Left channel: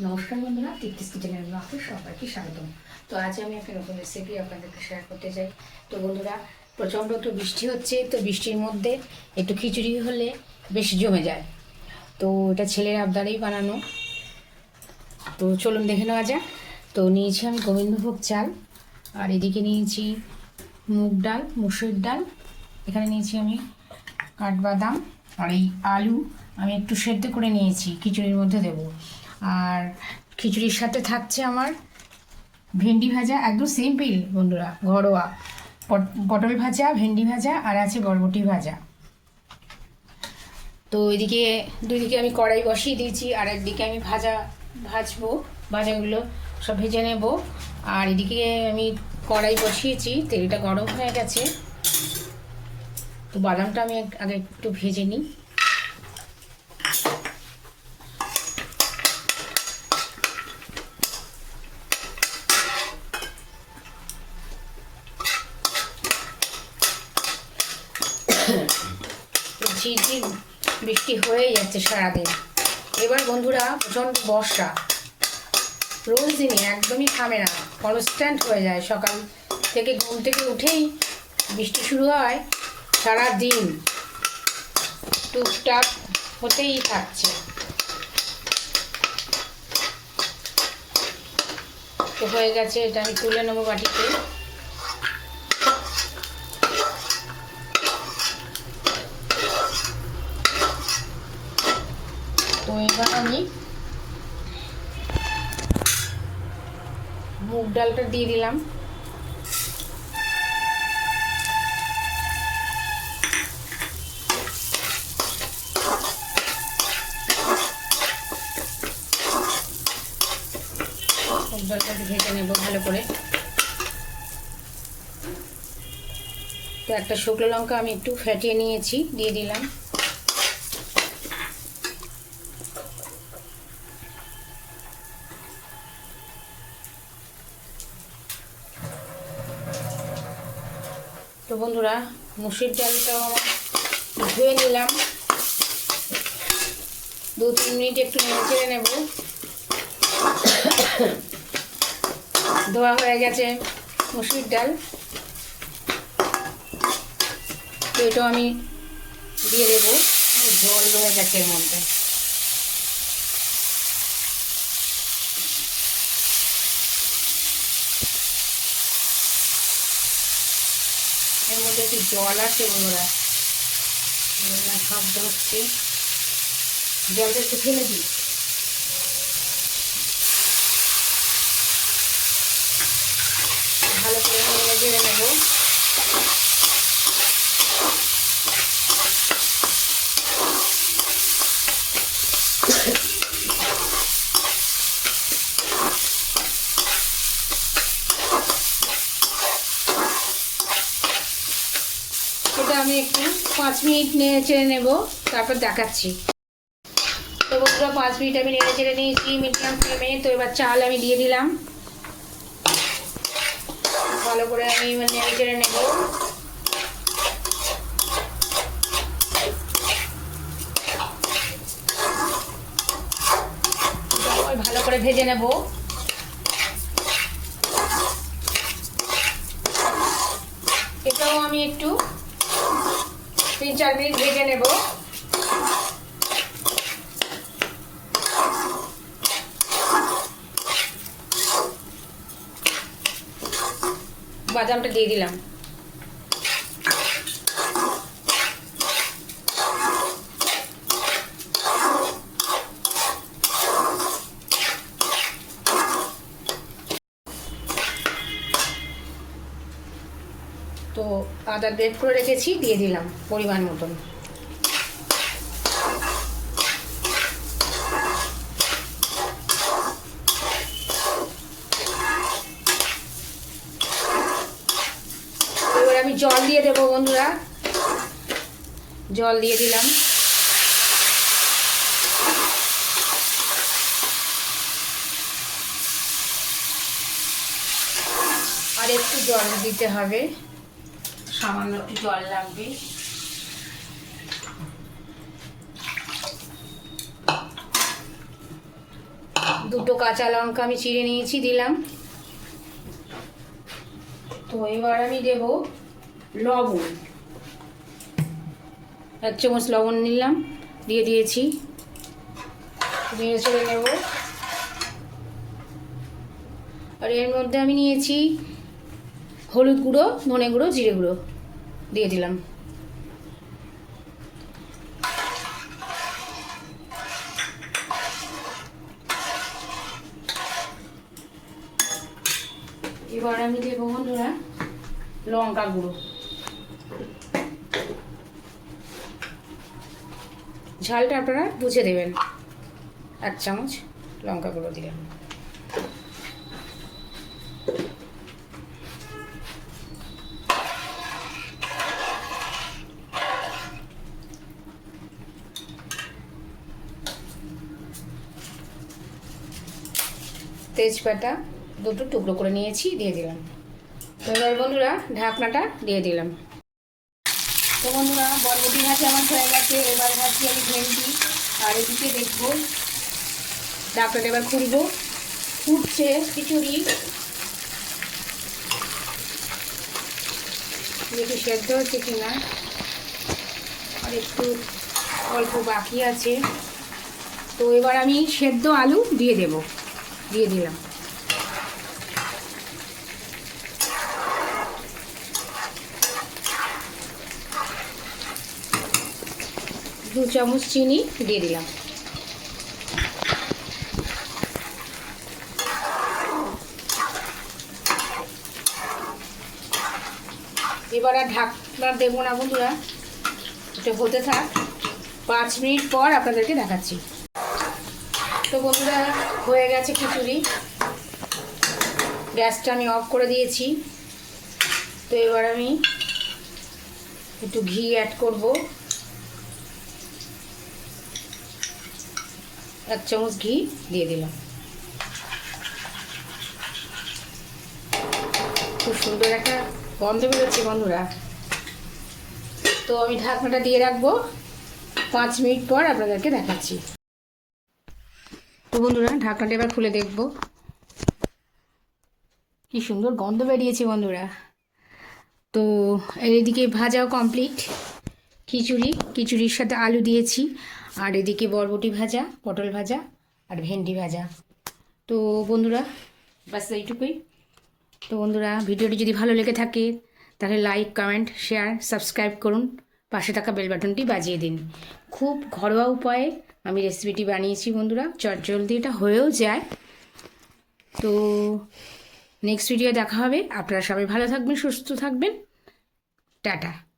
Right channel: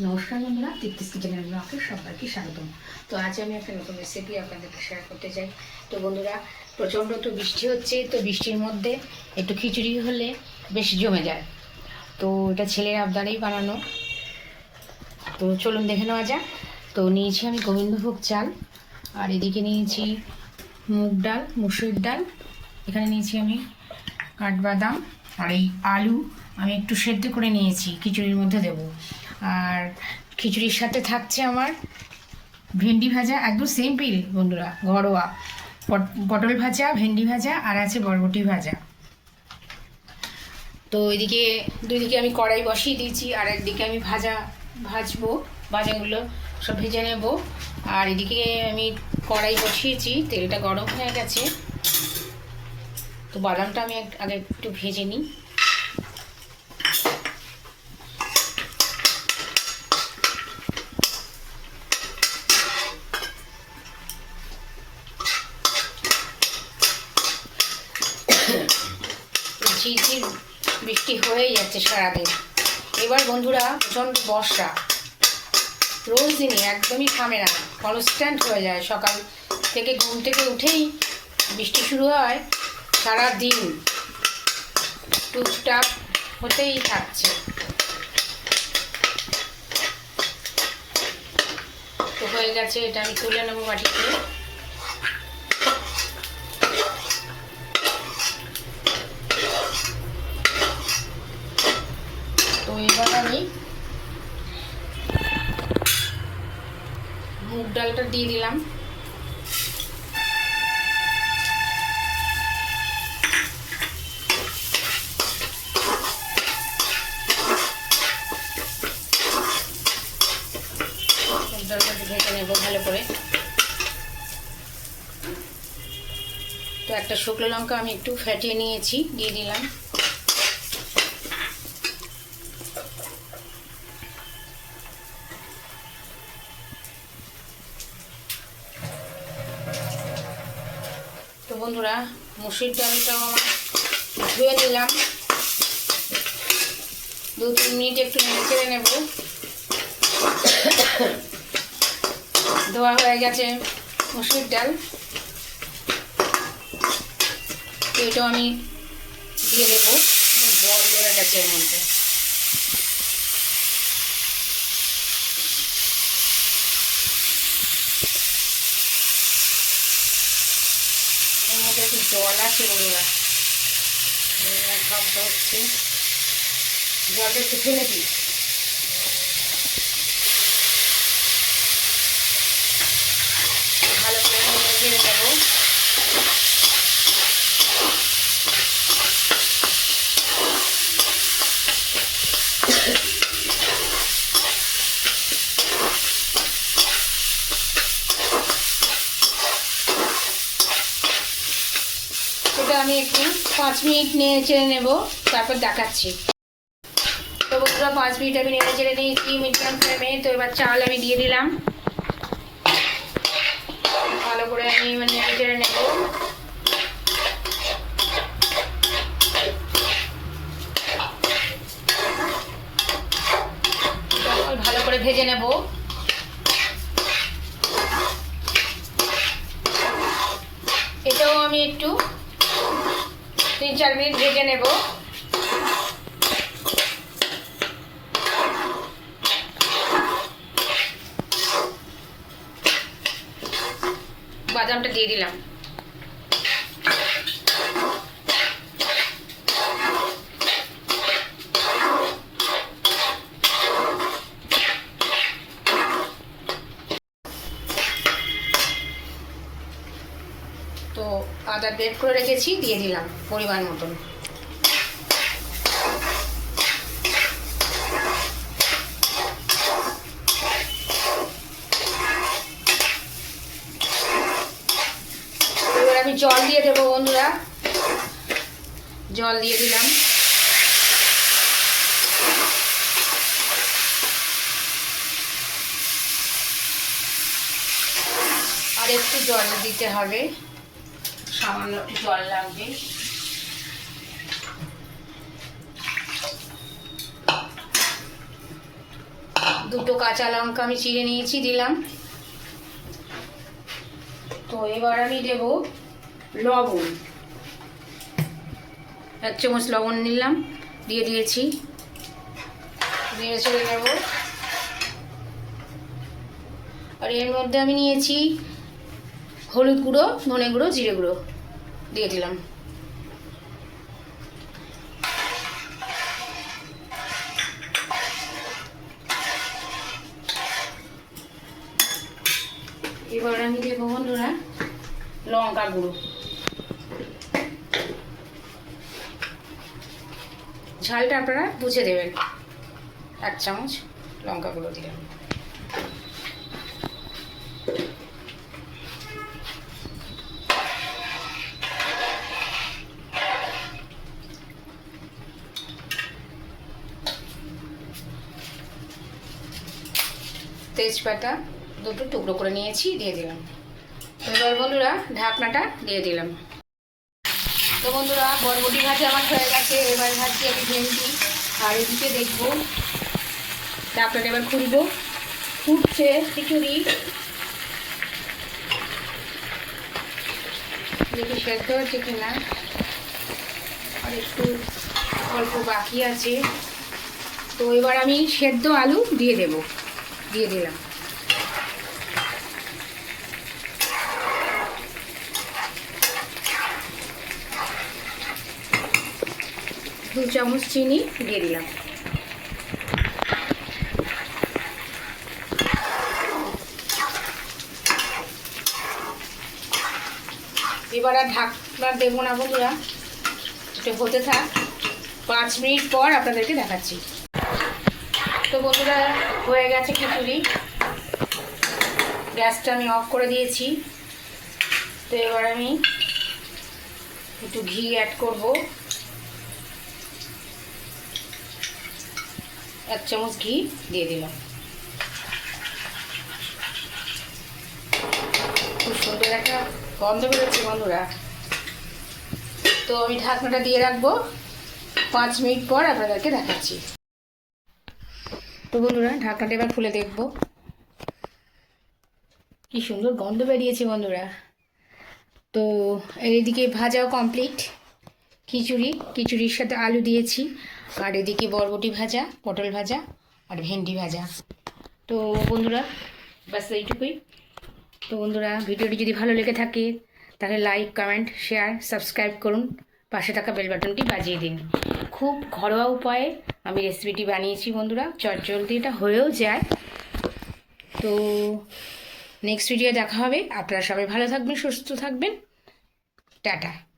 নমস্কার বন্ধুরা তৃপ্তিস কিচেনের ব্লগে সবাইকে স্বাগতম। তো আজ আমি একটা নতুন রেসিপি আপনাদেরকে শেয়ার করতে চাই। তো বন্ধুরা, প্রচণ্ড তো বৃষ্টি হচ্ছে, তো বৃষ্টির মধ্যে একটু খিচুড়ি হলে বেশ জমে যায়। তো এটা ছেলের আবদারেই বানানো। তো চলুন দেখে নেওয়া যাক। তো নিয়েছি আমি গোবিন্দভোগ চাল, আর এদিকে নিয়েছি মুগ ডাল, মুসুর ডাল। এখানে নিয়েছি আমি কাঠবাদাম, আর এই আলু আমি একটু সেদ্ধ করে নিয়েছি, খিচুড়ির মধ্যে দেব। আর খিচুড়ির সাথে থাকছে আমার ভেন্ডি ভাজা, একদম সিম্পল বন্ধুরা, ঘরোয়া। পট- পটল ভাজা, ভেন্ডি ভাজা, আর আছে বরবটি ভাজা। তো এদিকে দুইদিকে আমি কড়াই বসিয়ে দিয়েছি, আর একদিকে আমি ভাজা, ভাজবো, ভাজাগুলো সব ভেজে নেব। আর এদিকে আমি কড়াই বসিয়েছি, তেলটা গরম হয়ে গেছে। তো বাদামটা আমি আগে একটু ভেজে নিই। ঝিরঝির বৃষ্টি হয়ে যাচ্ছে সারাদিন। এবার বন্ধুরা, প্রচণ্ড বর্ষা। রোজ দিনে একদমই থামে না কনস্ট্যান্ট হয়ে যায়। সকাল থেকে ঘুম থেকে উঠেই বৃষ্টি শুরু হয় সারা দিন টুকটাক হতেই থাকছে। তো হয়ে গেছে, এটা আমি তুলে নেব বাটিতে তো এবার আমি মুগ ডালটা দিয়ে দিলাম। ভালো করে। তো একটা শুকনো লঙ্কা আমি একটু ফেটিয়ে নিয়েছি, দিয়ে দিলাম। তো বন্ধুরা, মুসুর ডালটাও আমার ধুয়ে নিলাম। দু তিন মিনিট একটু নেড়ে চেড়ে নেব। ধোয়া হয়ে গেছে মুসুর ডাল। তো এটাও আমি দিয়ে দেবো। জল দেওয়া গেছে এর মধ্যে। মধ্যে একটু জল আছে বন্ধুরা। শব্দ হচ্ছে জলটা একটু ফেলে দিই। ভালো করে নেব। আমি একটু পাঁচ মিনিট নেড়ে চেড়ে নেব, তারপর দেখাচ্ছি। তো বন্ধুরা, পাঁচ মিনিট আমি নেড়ে চেড়ে নিয়েছি মিডিয়াম ফ্লেমে তো এবার চাল আমি দিয়ে দিলাম। ভালো করে আমি এবার নেড়ে চেড়ে নেব। ভালো করে ভেজে নেব। এটাও আমি একটু তিন চার মিনিট ভেজে নেব। বাদামটা দিয়ে দিলাম। তো আদা বের করে রেখেছি, দিয়ে দিলাম পরিমাণ মতন। এবার আমি জল দিয়ে দেবো বন্ধুরা। জল দিয়ে দিলাম। আর একটু জল দিতে হবে। সামান্য একটু জল লাগবে। দুটো কাঁচা লঙ্কা আমি চিড়ে নিয়েছি, দিলাম। তো এবার আমি দেব লবণ। এক চামচ লবণ নিলাম, দিয়ে দিয়েছি। দিয়ে ছেড়ে নেব। আর এর মধ্যে আমি নিয়েছি হলুদ গুঁড়ো, ধনে গুঁড়ো, জিরে গুঁড়ো। দিয়ে দিলাম। এবার আমি দেবো বন্ধুরা লঙ্কা গুঁড়ো। ঝালটা আপনারা বুঝে দেবেন। এক চামচ লঙ্কা গুঁড়ো দিলাম। তেজপাতা দুটো টুকরো করে নিয়েছি, দিয়ে দিলাম। তো এবার বন্ধুরা ঢাকনাটা দিয়ে দিলাম। তো বন্ধুরা বরবটি ভাজা আমার হয়ে গেছে, এবার ভাজছি আমি ভেন্ডি। আর এদিকে দেখব, ঢাকনাটা এবার খুলবো। ফুটছে খিচুড়ি। দেখি সেদ্ধ হচ্ছে কিনা। আর একটু অল্প বাকি আছে। তো এবার আমি সেদ্ধ আলু দিয়ে দেব। দিয়ে দিলাম। দু চামচ চিনি দিয়ে দিলাম। এবার আর ঢাকনা দেবো না বন্ধুরা। এটা হতে থাক। পাঁচ মিনিট পর আপনাদেরকে দেখাচ্ছি। তো বন্ধুরা, হয়ে গেছে খিচুড়ি। গ্যাসটা আমি অফ করে দিয়েছি। তো এবার আমি একটু ঘি অ্যাড করব। এক চামচ ঘি দিয়ে দিলাম। খুব সুন্দর একটা গন্ধ বেরোচ্ছে বন্ধুরা। তো আমি ঢাকনাটা দিয়ে রাখব। পাঁচ মিনিট পর আপনাদেরকে দেখাচ্ছি। তো বন্ধুরা, ঢাকনাটা এবার খুলে দেখব। কি সুন্দর গন্ধ বেরিয়েছে বন্ধুরা। তো এদিকে ভাজাও কমপ্লিট খিচুড়ি, খিচুড়ির সাথে আলু দিয়েছি। আর এদিকে বরবটি ভাজা, পটল ভাজা আর ভেন্ডি ভাজা। তো বন্ধুরা, ব্যাস এইটুকুই। তো বন্ধুরা, ভিডিওটি যদি ভালো লেগে থাকে, তাহলে লাইক কমেন্ট শেয়ার সাবস্ক্রাইব করুন। পাশে থাকা বেল বাটনটি বাজিয়ে দিন। খুব ঘরোয়া উপায়ে আমি রেসিপিটি বানিয়েছি বন্ধুরা। চটজলদি এটা হয়েও যায়। তো নেক্সট ভিডিও দেখা হবে। আপনারা সবাই ভালো থাকবেন, সুস্থ থাকবেন। টাটা।